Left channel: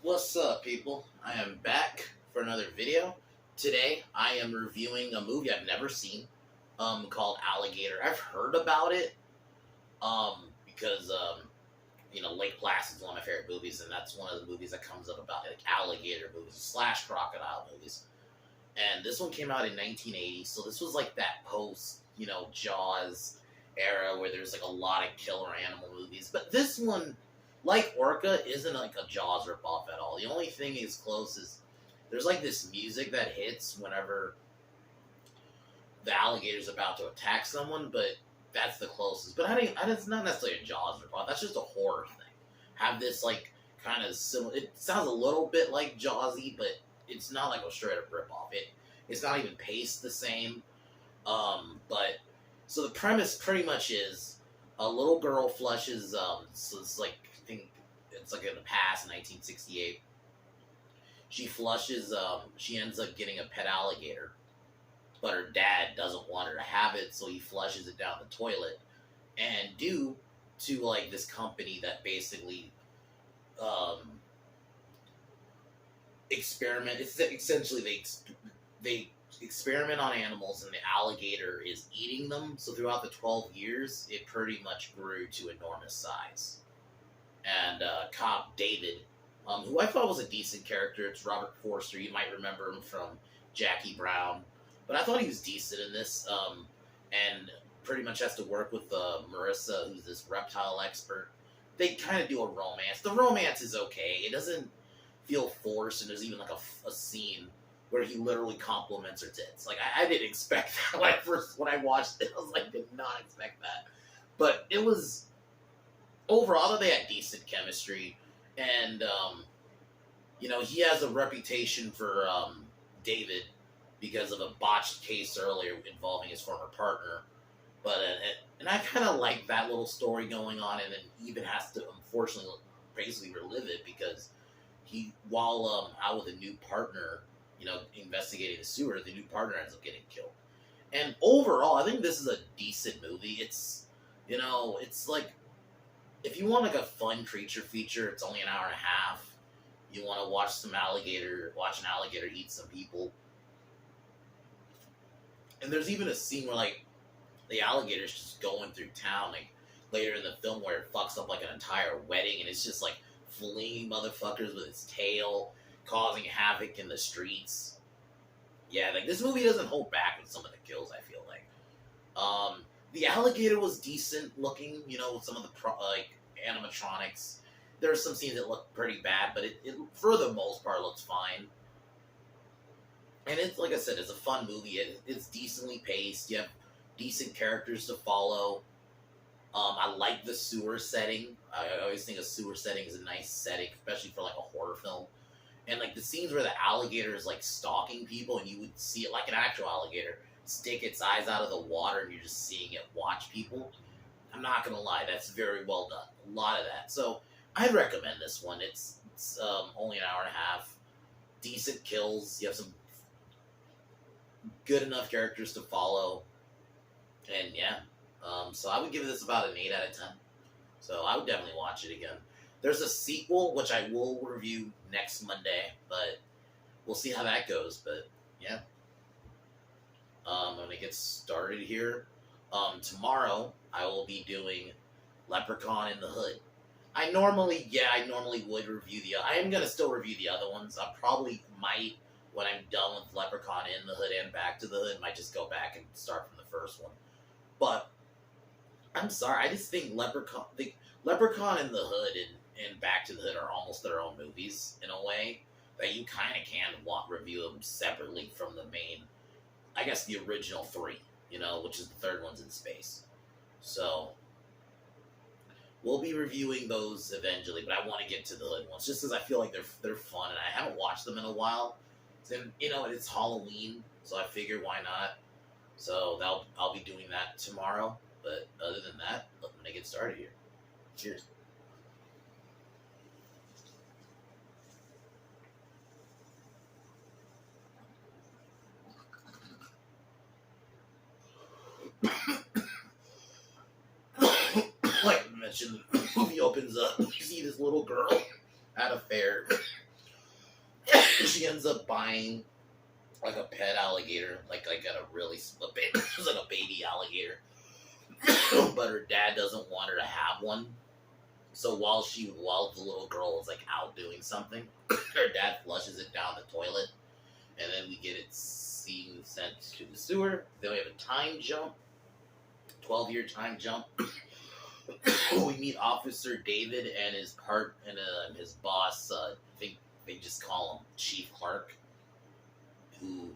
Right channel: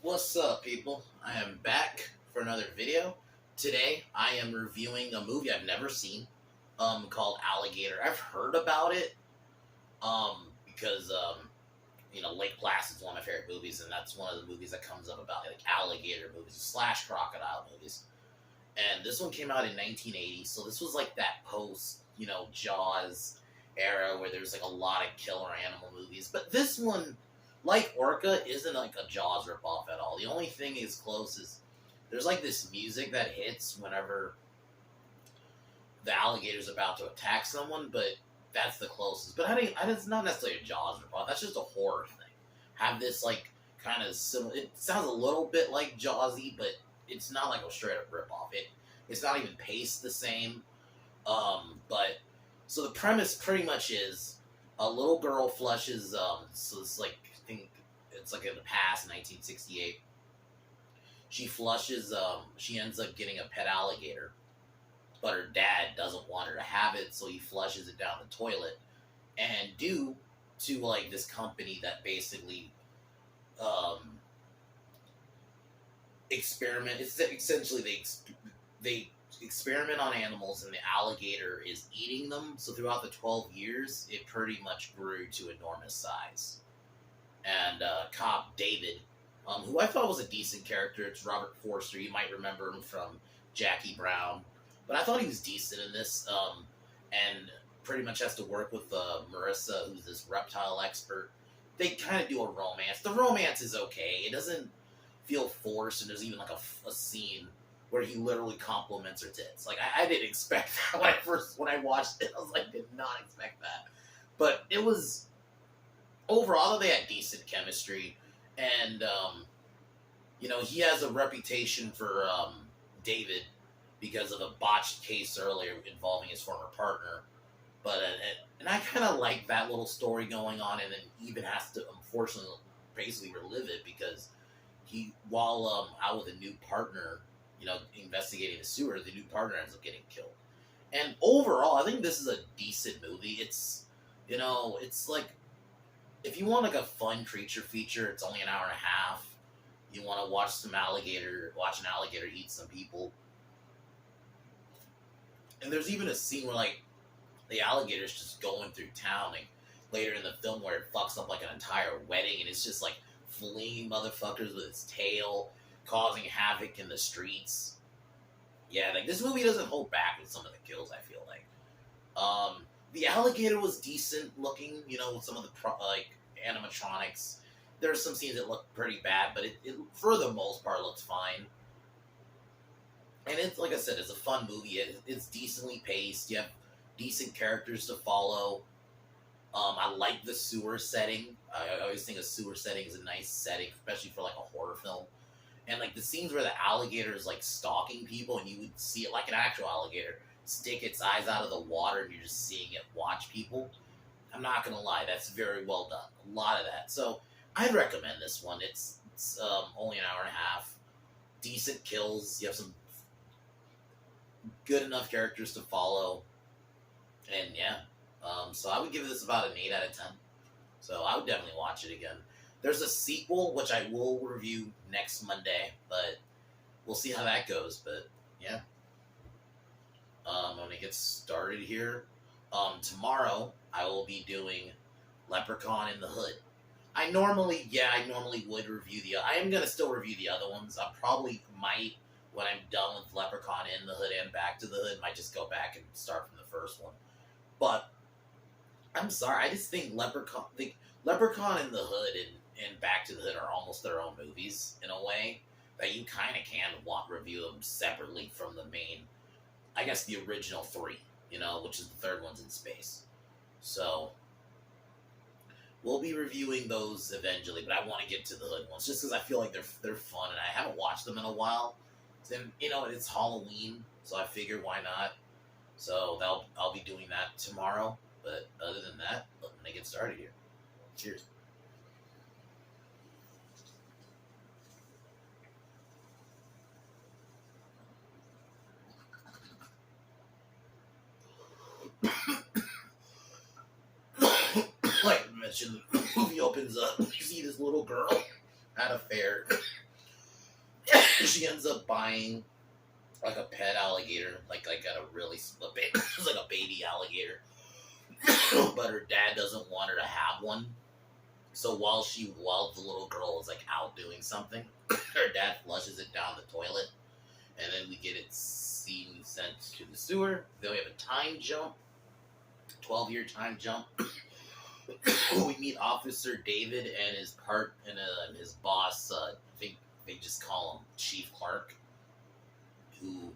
What's up, people? I am back for another video. Today, I am reviewing a movie I've never seen, called Alligator. I've heard about it, because Lake Placid's one of my favorite movies, and that's one of the movies that comes up about like alligator movies slash crocodile movies. And this one came out in 1980, so this was like that post, Jaws era where there's like a lot of killer animal movies. But this one, like Orca, isn't like a Jaws ripoff at all. The only thing is close is there's like this music that hits whenever the alligator's about to attack someone, but that's the closest. But it's not necessarily a Jaws ripoff. That's just a horror thing. Have this like kind of similar. It sounds a little bit like Jawsy, but it's not like a straight up ripoff. It's not even paced the same. But so the premise pretty much is a little girl flushes. So it's like I think it's like in the past, 1968. She flushes. She ends up getting a pet alligator, but her dad doesn't want her to have it, so he flushes it down the toilet. And due to like this company that basically experiment, it's essentially they experiment on animals, and the alligator is eating them. So throughout the 12 years, it pretty much grew to enormous size. And cop David, who I thought was a decent character, it's Robert Forster. You might remember him from Jackie Brown, but I thought he was decent in this. And pretty much has to work with Marissa, who's this reptile expert. They kind of do a romance. The romance is okay. It doesn't feel forced, and there's even like a scene where he literally compliments her tits. Like I didn't expect that when I watched it. I was like, did not expect that. But it was overall they had decent chemistry, and he has a reputation for David because of a botched case earlier involving his former partner. But and I kind of like that little story going on, and then even has to unfortunately basically relive it because while out with a new partner, investigating the sewer, the new partner ends up getting killed. And overall, I think this is a decent movie. It's like if you want like a fun creature feature, it's only an hour and a half. You want to watch an alligator eat some people. And there's even a scene where like the alligator's just going through town, like later in the film, where it fucks up like an entire wedding, and it's just like flinging motherfuckers with its tail, causing havoc in the streets. Yeah, like this movie doesn't hold back with some of the kills, I feel like. The alligator was decent looking, with some of the animatronics. There are some scenes that look pretty bad, but it for the most part looks fine. And it's like I said, it's a fun movie. It's decently paced. You have decent characters to follow. I like the sewer setting. I always think a sewer setting is a nice setting, especially for like a horror film. And like the scenes where the alligator is like stalking people, and you would see it like an actual alligator stick its eyes out of the water, and you're just seeing it watch people. I'm not gonna lie, that's very well done. A lot of that. So I'd recommend this one. It's only an hour and a half. Decent kills. You have some good enough characters to follow. And yeah, so I would give this about an 8 out of 10. So I would definitely watch it again. There's a sequel, which I will review next Monday, but we'll see how that goes. But yeah, I'm going to get started here. Tomorrow, I will be doing Leprechaun in the Hood. I normally would review I am going to still review the other ones. I probably might, when I'm done with Leprechaun in the Hood and Back to the Hood, might just go back and start from the first one. But I'm sorry, I just think Leprechaun in the Hood and Back to the Hood are almost their own movies in a way that you kind of can review them separately from the main, I guess the original three, which is the third one's in space. So we'll be reviewing those eventually, but I want to get to the Hood ones just because I feel like they're fun, and I haven't watched them in a while. Then it's Halloween, so I figured why not. So I'll be doing that tomorrow. But other than that, let me get started here. Cheers. Like I mentioned, the movie opens up. You see this little girl at a fair, she ends up buying like a pet alligator, like at a really it's like a baby alligator, but her dad doesn't want her to have one. So while the little girl is like out doing something, her dad flushes it down the toilet, and then we get it seen sent to the sewer. Then we have a time jump, 12-year time jump. We meet Officer David and his boss. I think they just call him Chief Clark. Who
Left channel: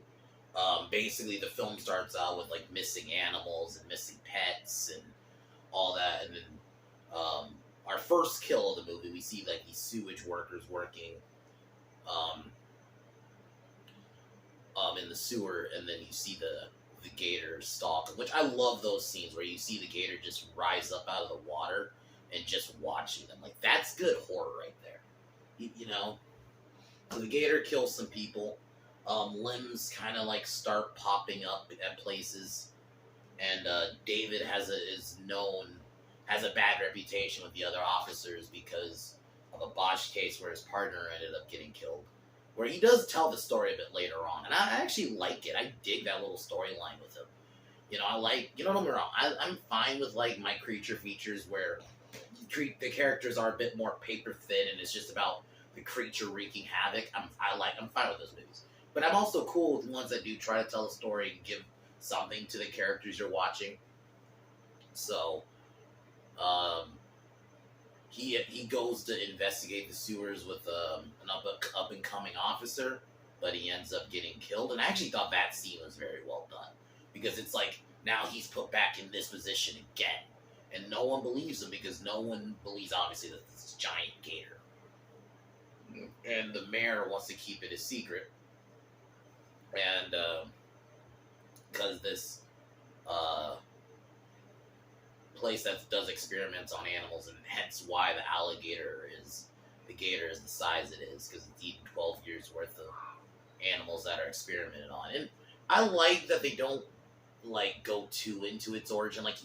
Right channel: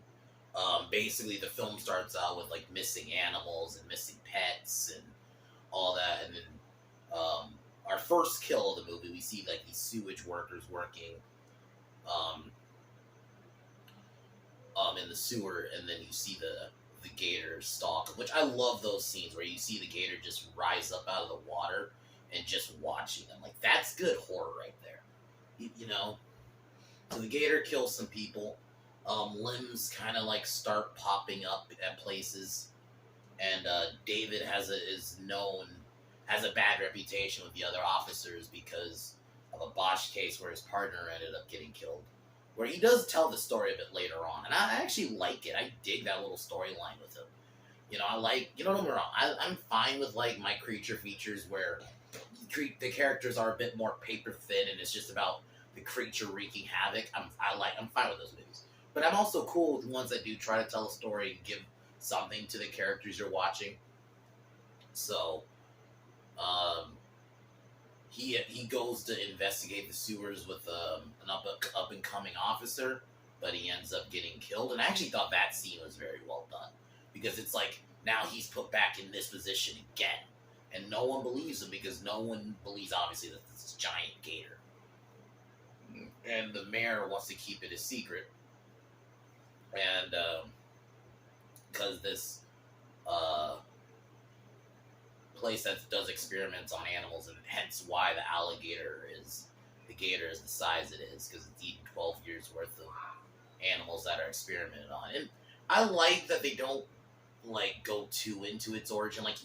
basically the film starts out with like missing animals and missing pets and all that, and then our first kill of the movie, we see like these sewage workers working in the sewer, and then you see the gator stalk, which I love those scenes where you see the gator just rise up out of the water and just watching them. Like, that's good horror right there. You know? So the gator kills some people. Limbs kind of like start popping up at places, and David has a bad reputation with the other officers because of a botched case where his partner ended up getting killed. Where he does tell the story a bit later on, and I actually like it. I dig that little storyline with him. You know, don't get me wrong, I'm fine with like my creature features where the characters are a bit more paper thin and it's just about the creature wreaking havoc. I'm fine with those movies. But I'm also cool with the ones that do try to tell a story and give something to the characters you're watching. So, he goes to investigate the sewers with an up and coming officer, but he ends up getting killed. And I actually thought that scene was very well done because it's like now he's put back in this position again, and no one believes him because no one believes obviously that this is giant gator, and the mayor wants to keep it a secret. And because this place that does experiments on animals, and hence why the gator is the size it is, because it's eating 12 years worth of animals that are experimented on. And I like that they don't like go too into its origin. Like,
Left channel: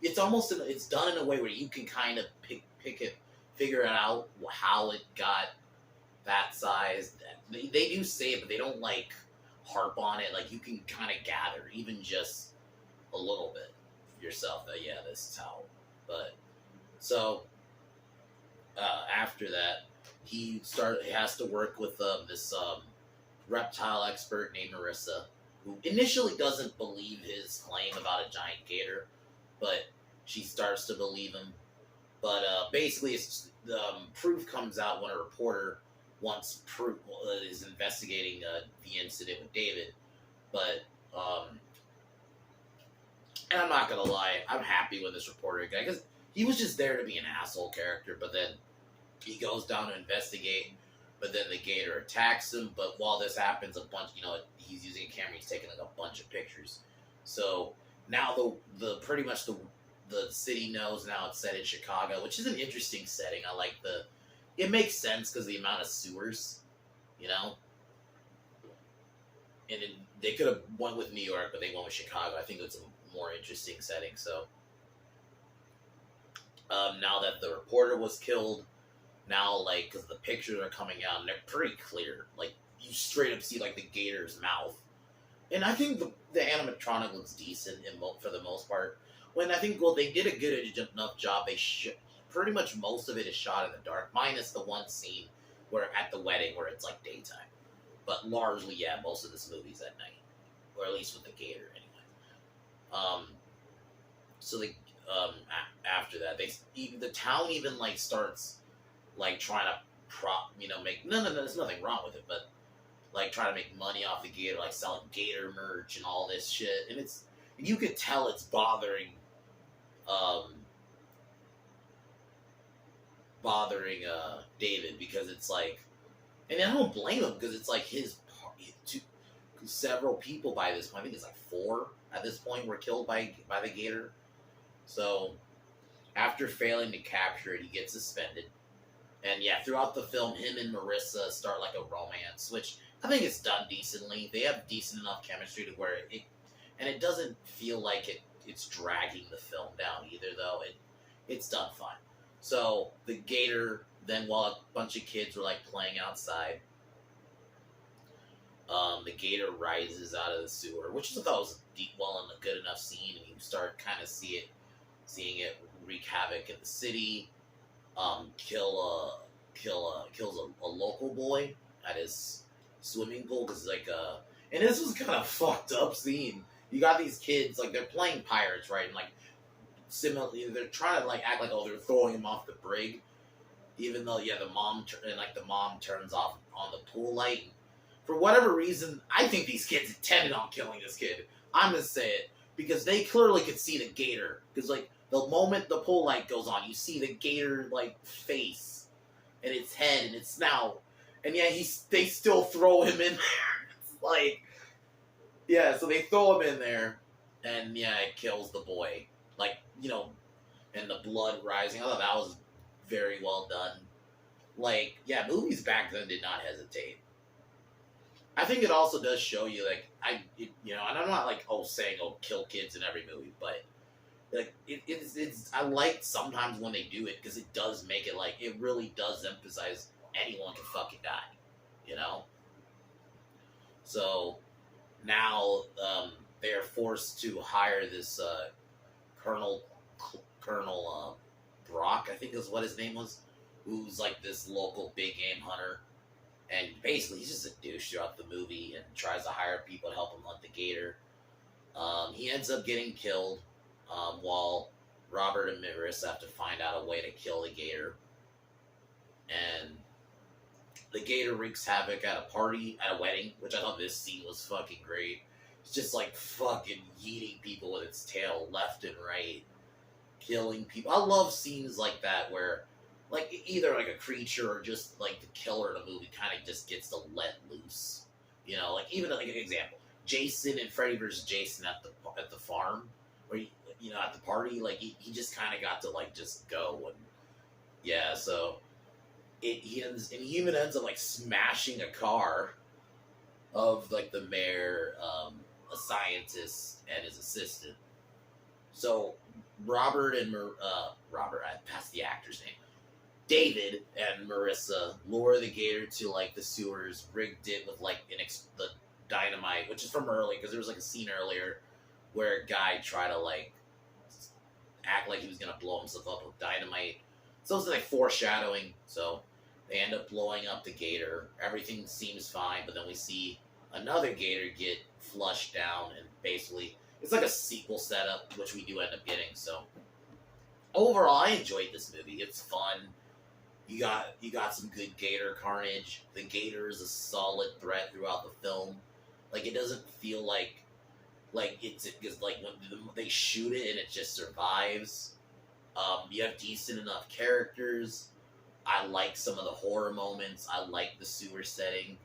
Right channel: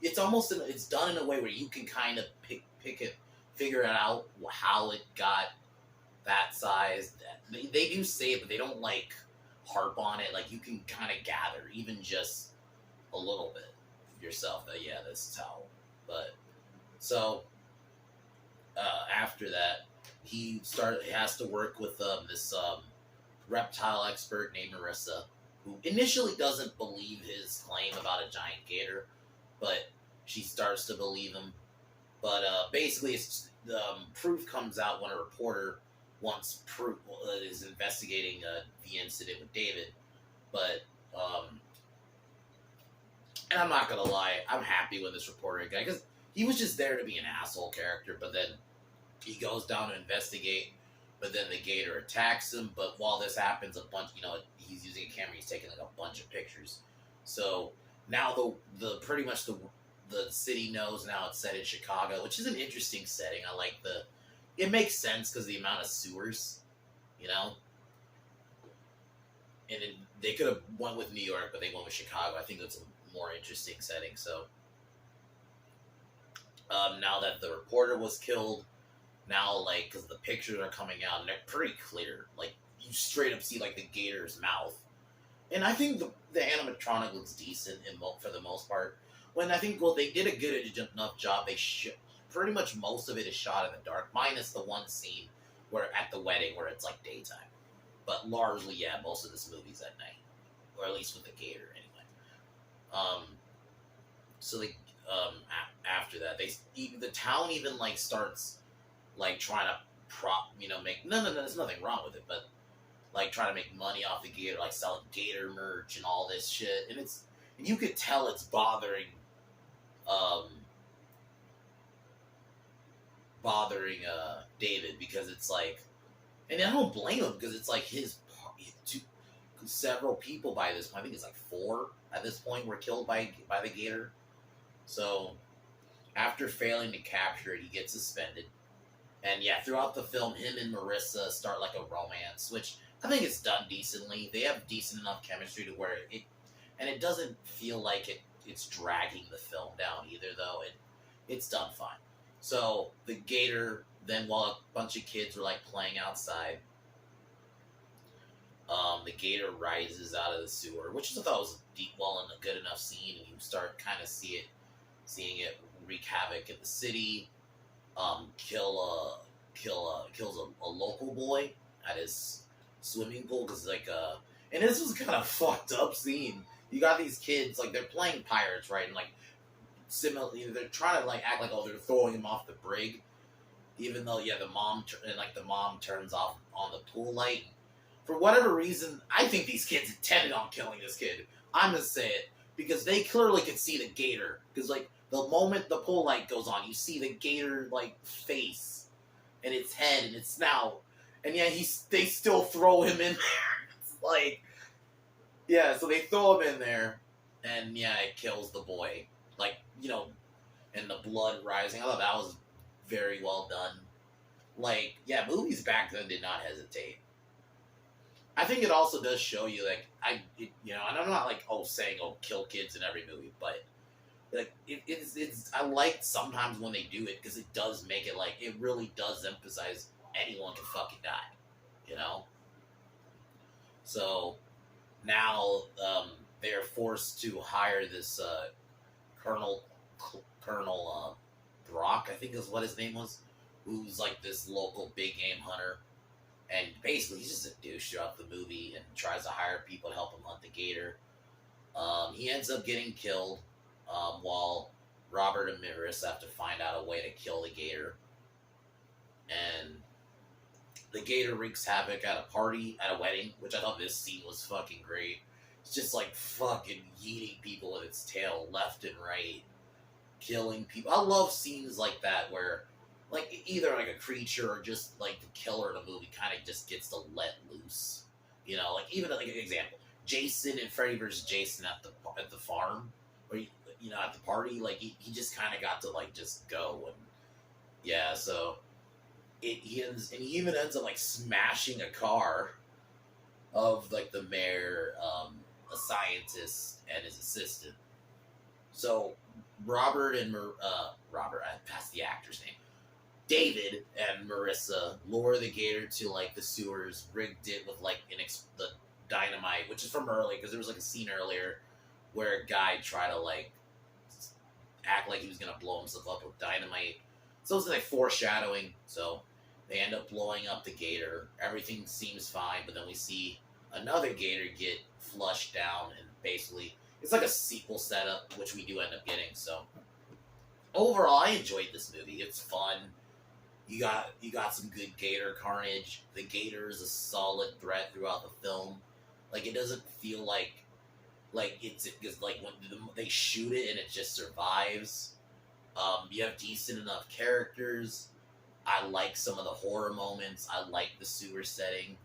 it's almost it's done in a way where you can kind of figure it out how it got that size. They do say it, but they don't like harp on it. Like, you can kind of gather even just a little bit yourself that this is how. But so after that, he has to work with this reptile expert named Marissa, who initially doesn't believe his claim about a giant gator, but she starts to believe him. But basically, it's the proof comes out when a reporter is investigating the incident with David. But and I'm not gonna lie, I'm happy with this reporter guy because he was just there to be an asshole character. But then he goes down to investigate. But then the gator attacks him. But while this happens, he's using a camera. He's taking like a bunch of pictures. So now the pretty much the city knows now it's set in Chicago, which is an interesting setting. I like it makes sense because the amount of sewers, And they could have went with New York, but they went with Chicago. I think it's a more interesting setting. So now that the reporter was killed, now because the pictures are coming out and they're pretty clear, like you straight up see like the gator's mouth, and I think the animatronic looks decent for the most part. When I think they did a good enough job. Pretty much most of it is shot in the dark, minus the one scene where at the wedding where it's like daytime. But largely, most of this movie's at night, or at least with the gator anyway. So after that, the town even starts trying to make there's nothing wrong with it, but trying to make money off the gator, selling gator merch and all this shit, and you could tell it's bothering David, because it's and I don't blame him because it's several people by this point. I think it's 4 at this point were killed by the gator. So after failing to capture it, he gets suspended. And throughout the film, him and Marissa start a romance, which I think it's done decently. They have decent enough chemistry to where it doesn't feel like it's dragging the film down either, though. It's done fine. So the gator, then while a bunch of kids were playing outside, The gator rises out of the sewer, which I thought was deep, well, and a good enough scene, and you start kind of seeing it wreak havoc in the city. Kills a local boy at his swimming pool because and this was kind of fucked up scene. You got these kids like they're playing pirates, right? And like similarly, they're trying to like act like they're throwing him off the brig, even though the mom turns off on the pool light. For whatever reason, I think these kids intended on killing this kid. I'm gonna say it because they clearly could see the gator. Because like the moment the pool light goes on, you see the gator like face and its head and its snout, and yeah, they still throw him in there. It's like, yeah, so they throw him in there, and yeah, it kills the boy. Like, and the blood rising. I thought that was very well done. Like, yeah, movies back then did not hesitate. I think it also does show you, like, and I'm not like, saying, kill kids in every movie, but like, it's I like sometimes when they do it because it does make it like, it really does emphasize anyone can fucking die, you know? So now they are forced to hire this Colonel Brock, I think is what his name was, who's like this local big game hunter. And basically, he's just a douche throughout the movie and tries to hire people to help him hunt the gator. He ends up getting killed while Robert and Marissa have to find out a way to kill the gator. And the gator wreaks havoc at a wedding, which I thought this scene was fucking great. It's just like fucking yeeting people with its tail left and right, killing people. I love scenes like that where like either like a creature or just like the killer in a movie kind of just gets to let loose, like even like an example, Jason and Freddy versus Jason at the farm, where at the party, like he just kind of got to like just go. And yeah, so he even ends up like smashing a car of like the mayor, a scientist, and his assistant. So Robert, I passed the actor's name. David and Marissa lure the gator to like the sewers, rigged it with like the dynamite, which is from early because there was like a scene earlier where a guy tried to like act like he was gonna blow himself up with dynamite. So it's like foreshadowing. So they end up blowing up the gator. Everything seems fine, but then we see another gator get flushed down, and basically it's like a sequel setup, which we do end up getting. So overall, I enjoyed this movie. It's fun. You got some good gator carnage. The gator is a solid threat throughout the film. Like, it doesn't feel like it's like when they shoot it and it just survives. You have decent enough characters. I like some of the horror moments. I like the sewer setting.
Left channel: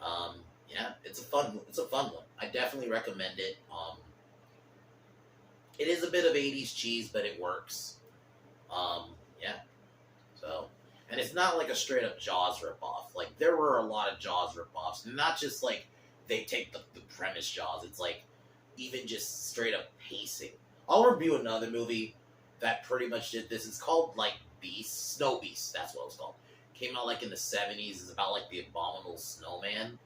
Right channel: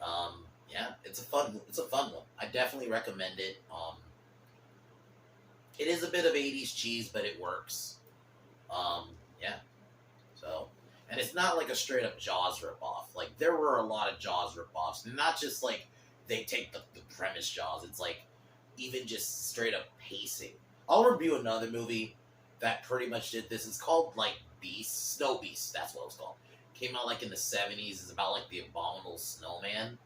Yeah, it's a fun one. I definitely recommend it. It is a bit of 80s cheese, but it works. Yeah. So, and it's not like a straight up Jaws ripoff. Like, there were a lot of Jaws ripoffs. Not just like they take the premise Jaws. It's like even just straight up pacing. I'll review another movie that pretty much did this. It's called like Snow Beast. That's what it's called. Came out like in the 70s. It's about like the abominable snowman.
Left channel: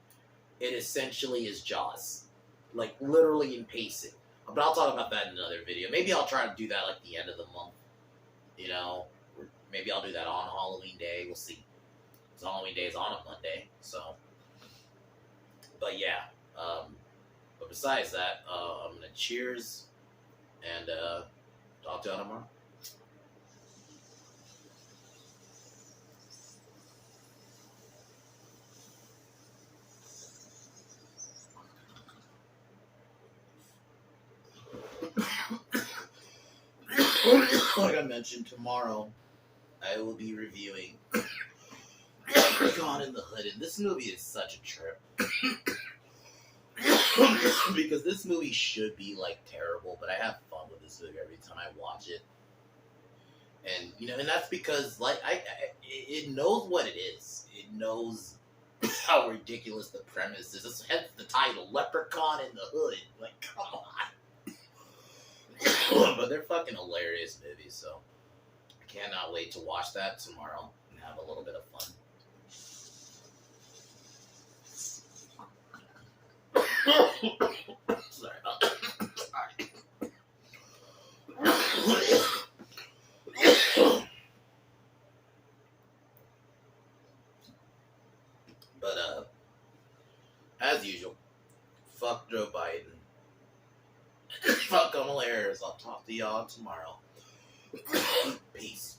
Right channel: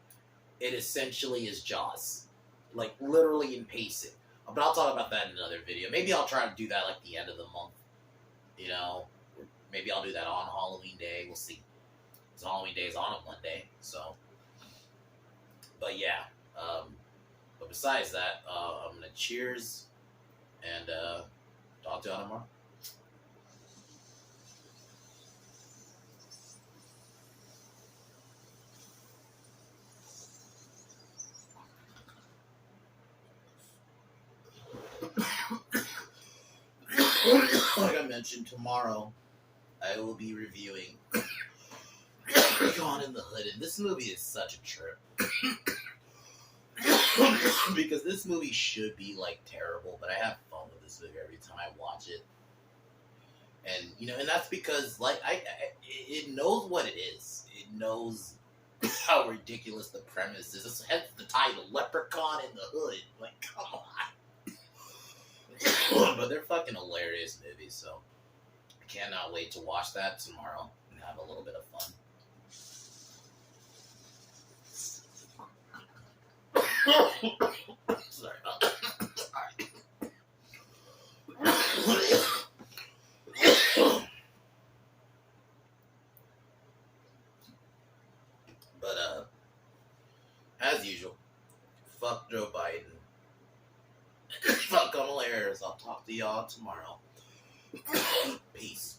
It essentially is Jaws. Like literally in pacing. But I'll talk about that in another video. Maybe I'll try to do that like the end of the month. Maybe I'll do that on Halloween Day. We'll see. Because Halloween Day is on a Monday. So, but yeah. But besides that, I'm going to cheers and talk to you tomorrow. Like I mentioned, tomorrow I will be reviewing Gone in the Hood, and this movie is such a trip. Because this movie should be like terrible, but I have fun with this movie every time I watch it. And and that's because like it knows what it is. It knows how ridiculous the premise is. Hence the title, Leprechaun in the Hood. Like, come on. But they're fucking hilarious movies, so I cannot wait to watch that tomorrow and have a little bit of fun. Sorry. But as usual, fuck Joe Biden. Fuck Kamala Harris. I'll talk to y'all tomorrow. Peace.